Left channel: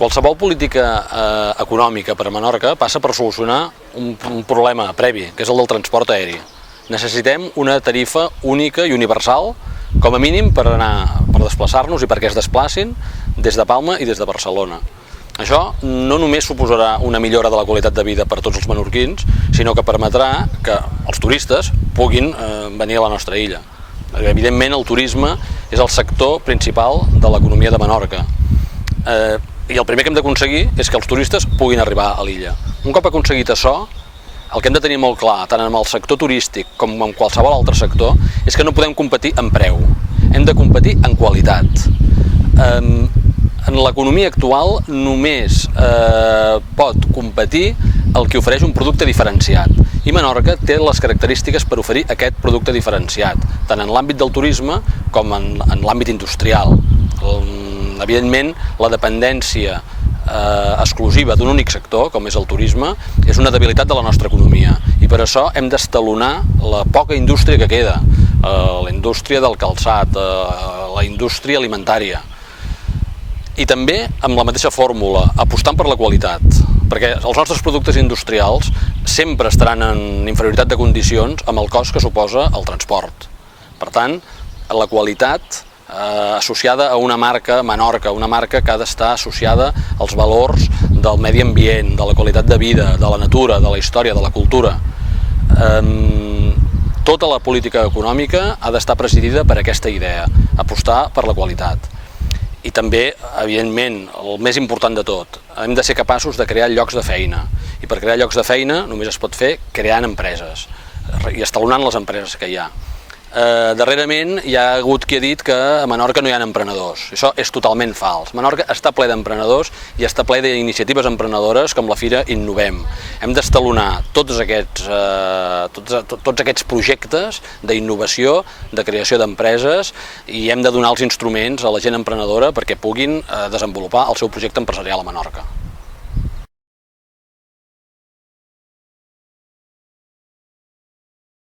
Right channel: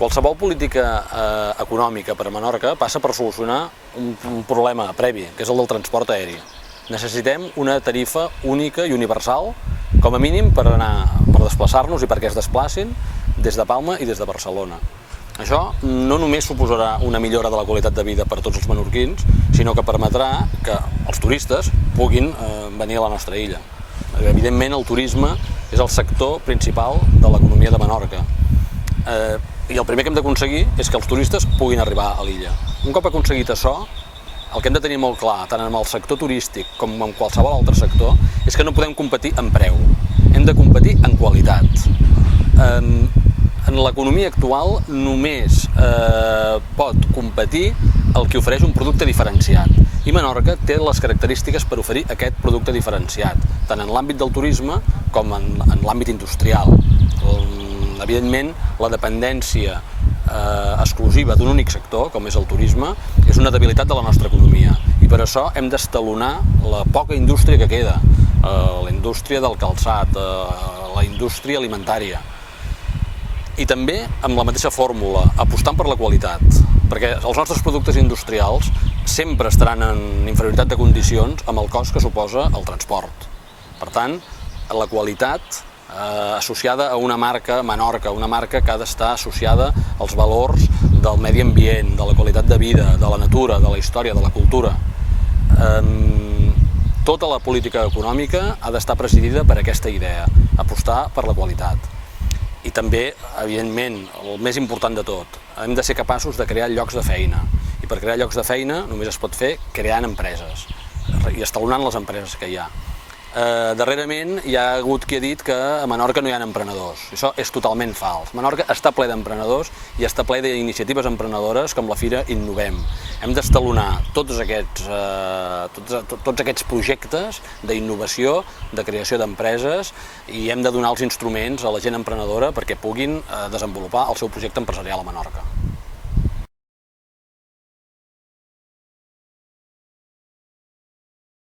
Qualsevol política econòmica per a Menorca passa per solucionar un problema previ, que és el del transport aeri. Necessitem una tarifa única i universal, com a mínim per desplaçar-nos i perquè es desplacin des de Palma i des de Barcelona. Això no només suposarà una millora de la qualitat de vida per a tots els menorquins, sinó que permetrà que els turistes puguin venir a la nostra illa. Evidentment, el turisme és el sector principal de l'economia de Menorca. I el primer que hem d'aconseguir és que els turistes puguin arribar a l'illa. Un cop aconseguit això, el que hem de tenir molt clar, tant en el sector turístic com en qualsevol altre sector, és que no podem competir en preu, hem de competir en qualitat. En l'economia actual només pot competir el que ofereix un producte diferenciat, i Menorca té les característiques per oferir aquest producte diferenciat, tant en l'àmbit del turisme com en l'àmbit industrial. Evidentment, la dependència exclusiva d'un únic sector, com és el turisme, és una debilitat de la nostra economia, i per això hem d'estalоnar la poca indústria que queda, la indústria del calçat, la indústria alimentària. I també amb la mateixa fórmula, apostant per la qualitat, perquè els nostres productes industrials sempre estaran en inferioritat de condicions amb el cost que suposa el transport. Per tant, la qualitat associada a una marca Menorca, una marca que ha d'estar associada als valors del medi ambient, de la qualitat de vida, de la natura, de la història, de la cultura. Tota la política econòmica ha d'estar presidida per aquesta idea, apostar per la qualitat. I també, evidentment, el més important de tot, hem de ser capaços de crear llocs de feina. I per crear llocs de feina només es pot fer creant empreses i estalonant les empreses que hi ha. Darrerament hi ha hagut qui ha dit que a Menorca no hi ha emprenedors. Això és totalment fals. Menorca està ple d'emprenedors i està ple d'iniciatives emprenedores com la Fira Innovem. Hem d'estalonar tots aquests projectes d'innovació, de creació d'empreses, i hem de donar els instruments a la gent emprenedora perquè puguin desenvolupar el seu projecte empresarial a Menorca.